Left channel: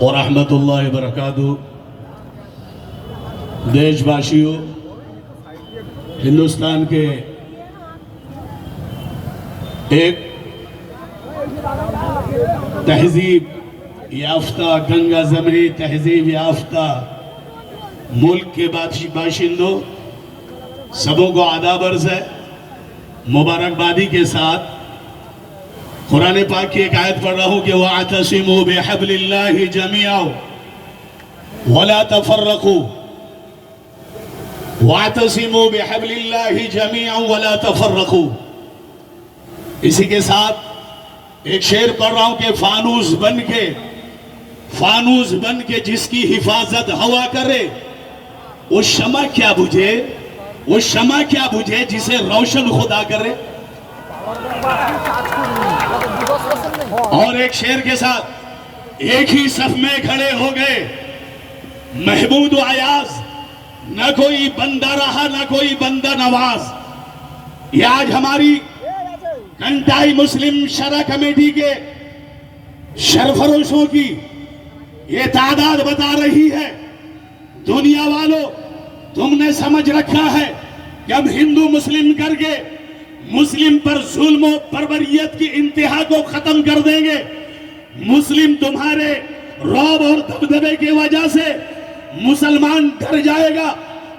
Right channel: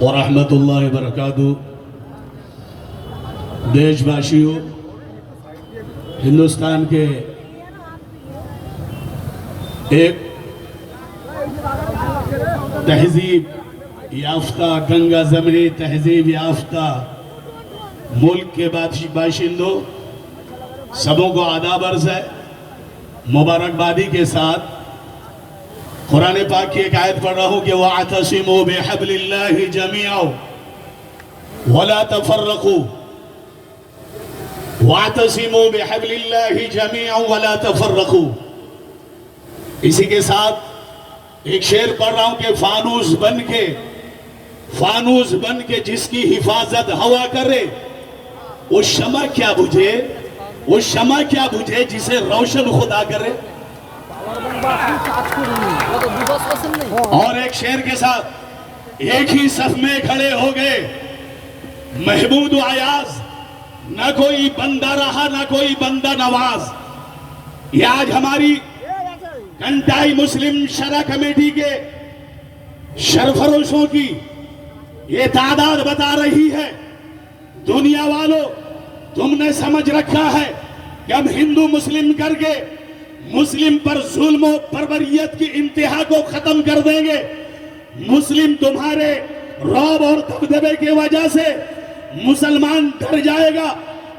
اور رحمت اللہ وبرکاتہ. دیش باشیوں، ہندوستان کے ایک تہذیب یافتہ، گنگا زمنی تہذیب یافتہ ملک کے باشندوں، سبوں کو آداب عرض ہے. مبارکبادی کے ساتھ قرآن پاک کی ایک آیت پڑھ رہا ہوں کہ وَاعْتَصِمُوا بِحَبْلِ اللَّهِ جَمِيعًا وَلَا تَفَرَّقُوا. وَاعْتَصِمُوا بِحَبْلِ اللَّهِ جَمِيعًا وَلَا تَفَرَّقُوا. اسی کے ساتھ ایک شعر پڑھ رہا ہوں کہ فانوس بن کے جس کی حفاظت ہوا کرے، وہ شمع کیا بجھے جسے روشن خدا کرے. اور ایک شعر کے ساتھ ایک ہی صف میں کھڑے ہو گئے محمود و ایاز، نہ کوئی بندہ رہا نہ کوئی بندہ نواز. یہ آج ہماری کنٹائی مسلم شرع کمیٹی کے سرفروشوں کی یہ تعداد بتا رہی ہے. دنیا والوں، تم نے سمجھ رکھا ہے کہ ہم ہندو مسلم کر کے مسلم پر ظلم و بربریت کی انتہا کو ختم کر دیں گے. مسلم تمہارے رعب اور دبدبے کی وجہ سے مسلمان ڈر جائے گا،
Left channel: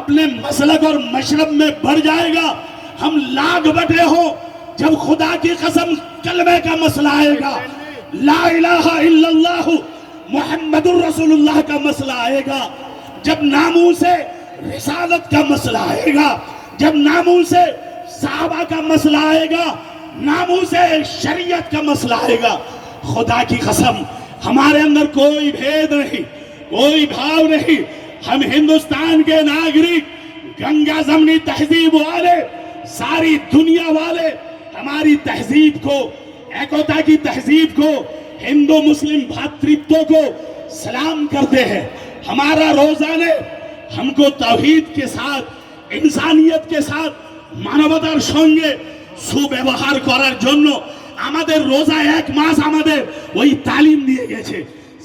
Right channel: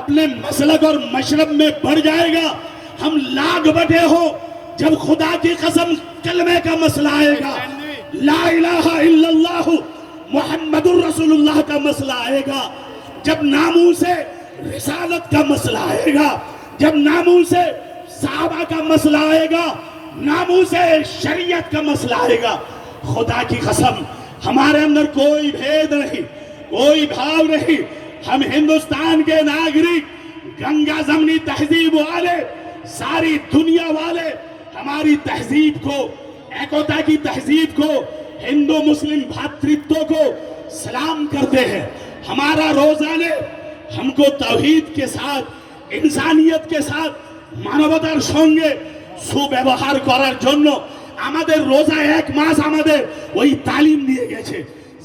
اپنے مسلک اور مشرب میں بڑھ جائے گا. ہم لاگ بٹے ہوں جب خدا کی قسم کلمے کا مسئلہ آئے گا، لا الہ الا اللہ محمد الرسول اللہ کا مسئلہ آئے گا، جب ناموس رسالت کا مسئلہ آئے گا، جب ناموس صحابہ کا مسئلہ آئے گا، ناموس شریعت کا مسئلہ آئے گا، خدا کی قسم ہمارے اندر کوئی بھید نہیں، کوئی بھاؤ نہیں. ہم ہندوستان کے ناگرک، گنگا زمنی تہذیب والے، ساری دنیا والے ہماری تہذیب کو، ایکوتا کی تہذیب کو، ہندو مسلم بھاترتو کو سلام کرتے ہیں. ہمارا روزہ نے ہم کو توحید کے ساتھ، انسانیت کے ساتھ মানবতার সঙ্গে সুব্যবহার করার জন্য আমাদের রোজা এক মাস আমাদের ওই তালিম দিয়ে গেছে.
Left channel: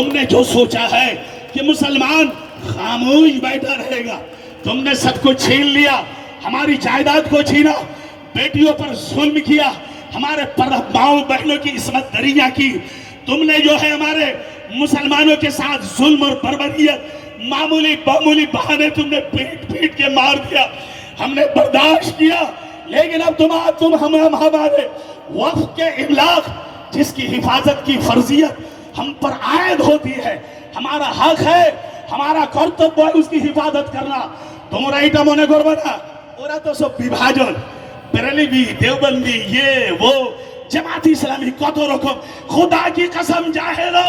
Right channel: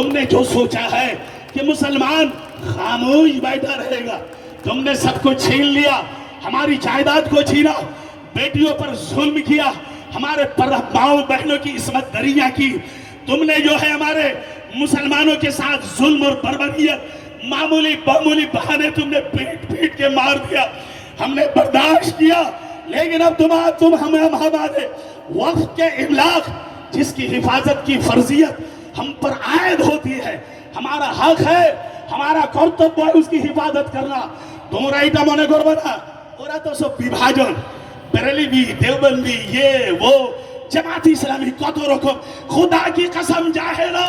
تم نے جو سوچا ہے کہ مسلمان خاموش بیٹھا رہے گا، تم نے سب کو چھین لیا، ہماری جائیداد کو چھینا، بیٹیوں پر ظلم کیا، ہمارے ماؤں بہنوں کی عصمت دریاں کی، تم نے جو ہے ہمارے مسلمانوں کے ساتھ ظلم اور بربریت، معمولی بہانے تم نے پیٹ پیٹ کے مار دیا، ہم نے برداشت کیا، لیکن اب تم ہمارے وقت کے املاک جس کی حفاظت کی فرضیت ہم پر عائد ہوتی ہے، ہمارا حق ہے، ہمارا کرتب ہے اس کی حفاظت کرنا۔ তোমরা এটা মনে করবে না ওরা তো সব বিভাজন, بریلوی دیوبندی یہ وہ جماعت اسلامی کت رکھو، خدا کی قسم جاہلو،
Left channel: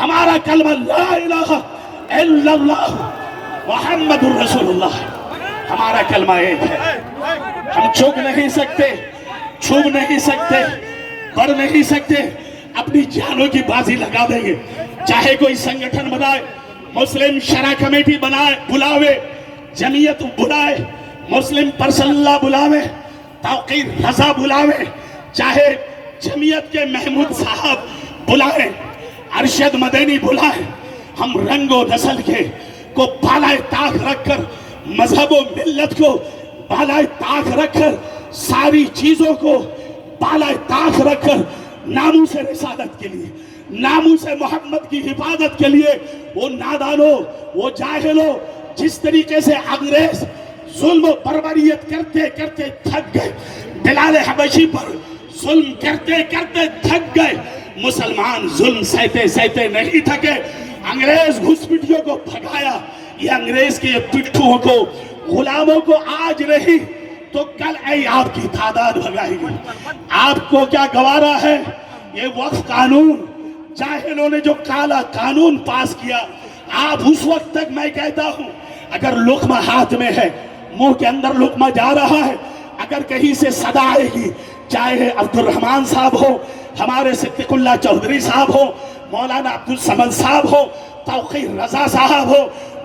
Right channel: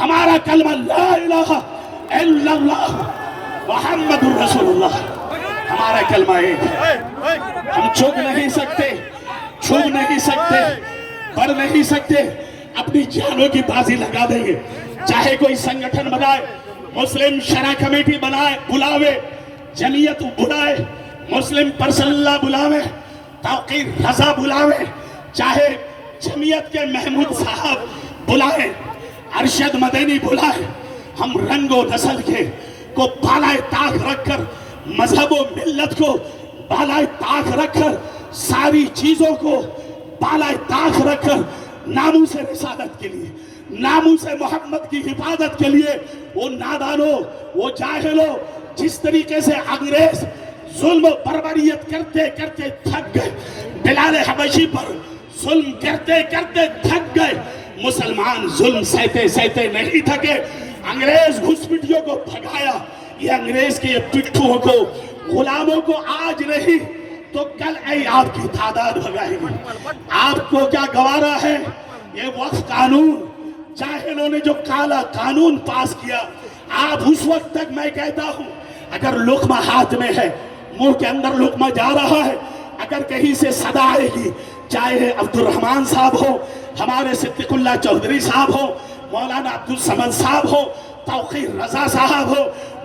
ہمارا کلمہ لا الہ الا اللہ محمد الرسول اللہ، ہمارا کلمہ ایک ہے، ہم چھوک نہیں سکتے، چھوک نہیں سکتے، بڑھ نہیں سکتے، اپنی جانوں کی بازی لگا دیں گے، چاہے کوئی سنگٹھن بنائے، مسلم شرع کمیٹی بنائے بلاوے، جمعیت بلائے، مسلم پرسنل اللہ بلاوے، توقیر رضا بلاوے، چاہے جمعیت کے محمود صاحب بلائے، ارشد مدینی بلائے، ہم رنگ و نسل کے کو بالائے طاق رکھ کر، مذہب و ملت کو بالائے طاق رکھ کر، ساری چیزوں کو بالائے طاق رکھ کر، ناموس رسالت کے لیے، ناموس محمد کی حفاظت کے لیے، وہ نادانوں، وہ جاہلوں، جس طریقے سے انگریز ظلم و بربریت کرتے کرتے تھک گئے، بلال حبشی پر ظلم کرتے کرتے تھک گئے، مسلمان ظلم سہتے سہتے نہیں تھکے، انگریز گھسپٹیوں کو بھگایا، یہ انگریز کے پٹھوں کو، غلاموں کو آج نہیں تو کل آپ کی تعداد بھگائے گی۔ آپ کو کیا گوارا ہے؟ یہ وقف قانون، جاہلوں نے جو کالا قانون پاس کیا، آپ اس وقت تک میں کہتا ہوں اگر لقمہ ہاتھ میں ہے، منہ کے اندر لقمہ جا رہا ہے، اگر کہیں سے صدا آئے گی، چاہے عبد الرحمن صاحب ہو، ہمارے صدیق اللہ چودھری صاحب ہو، مولانا عبد الصمد صاحب ہو، توقیر رضا صاحب ہو،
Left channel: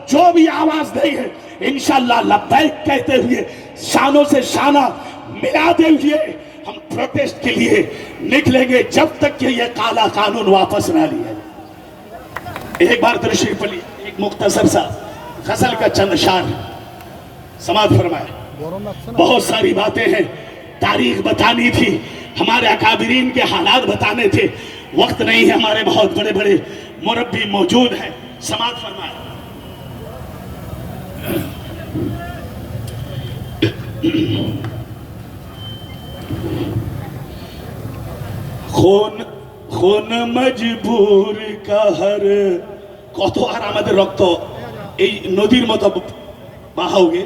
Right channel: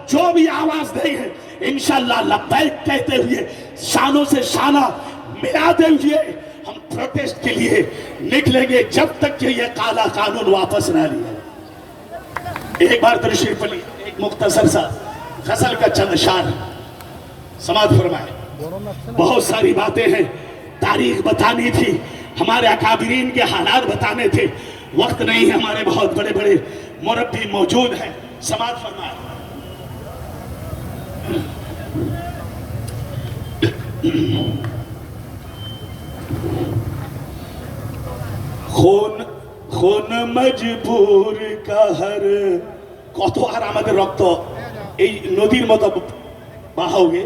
جو بھی آواز دے گے انشاءاللہ لبیک کہتے ہوئے، شانوں سے شانہ ملاتے ہوئے ہم پروٹیسٹ کے لیے نکلیں گے، جب تک کہ یہ کالا قانون واپس نہ لیا۔ ایک بار تشریف پڑھی، ایک مختصر سا غزل کا چند اشعار سماعت فرمائے۔ بہت ساری باتیں ہیں، تاریخ بتانی تھی، ہمارے اکابرین کے حالات بتانے تھے، وقت نہیں ہے، ہمارے بہت بڑے بڑے مربی موجود ہیں، سماعت فرمائے۔ خون مجبور کا ہر কত আর আমাদের রক্ত এই নদীর মতো বাহাওগে,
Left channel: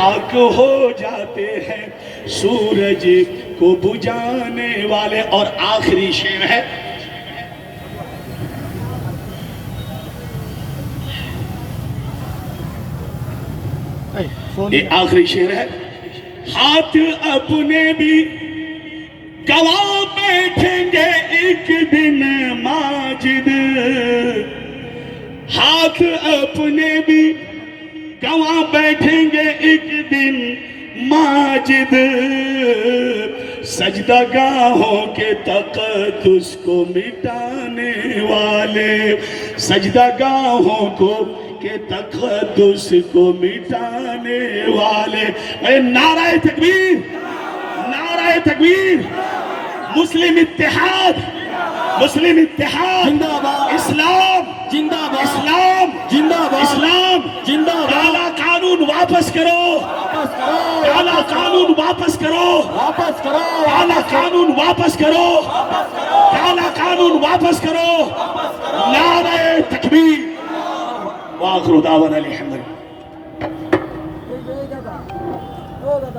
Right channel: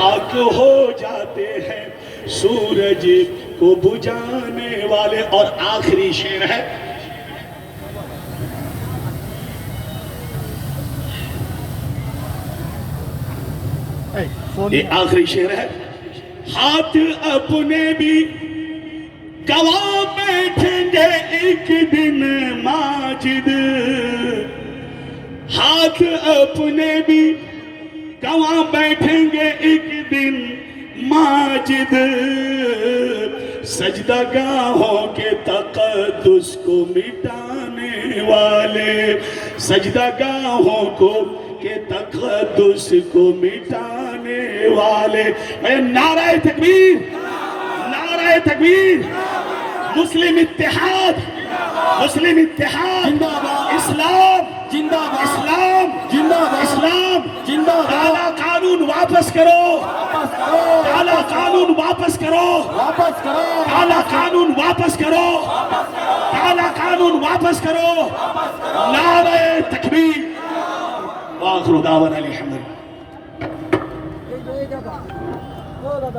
خاک ہو جاتے ہیں سورج کو بجھانے والے. اور آخری شعر ہے, یہ آخری شعر ہے. ہاتھ اپنے بھی گواہ بیٹھیں گے ایک دن ماجد, ہاتھ اپنے بھی گواہ بیٹھیں گے ایک دن ماجد. سجدہ گاہوں کے تقدس کو مٹانے والے, سجدہ گاہوں کو کے تقدس کو مٹانے والے. نعرہ تکبیر, نعرہ تکبیر. مسلم اتحاد, مسلم اتحاد, اسلام زندہ باد, اسلام زندہ باد, اسلام زندہ باد. کالا قانون واپس کرو, کالا قانون واپس کرو, کالا قانون واپس کرو, کالا قانون واپس کرو. نعرہ تکبیر. وآخر دعوانا الحمد للہ.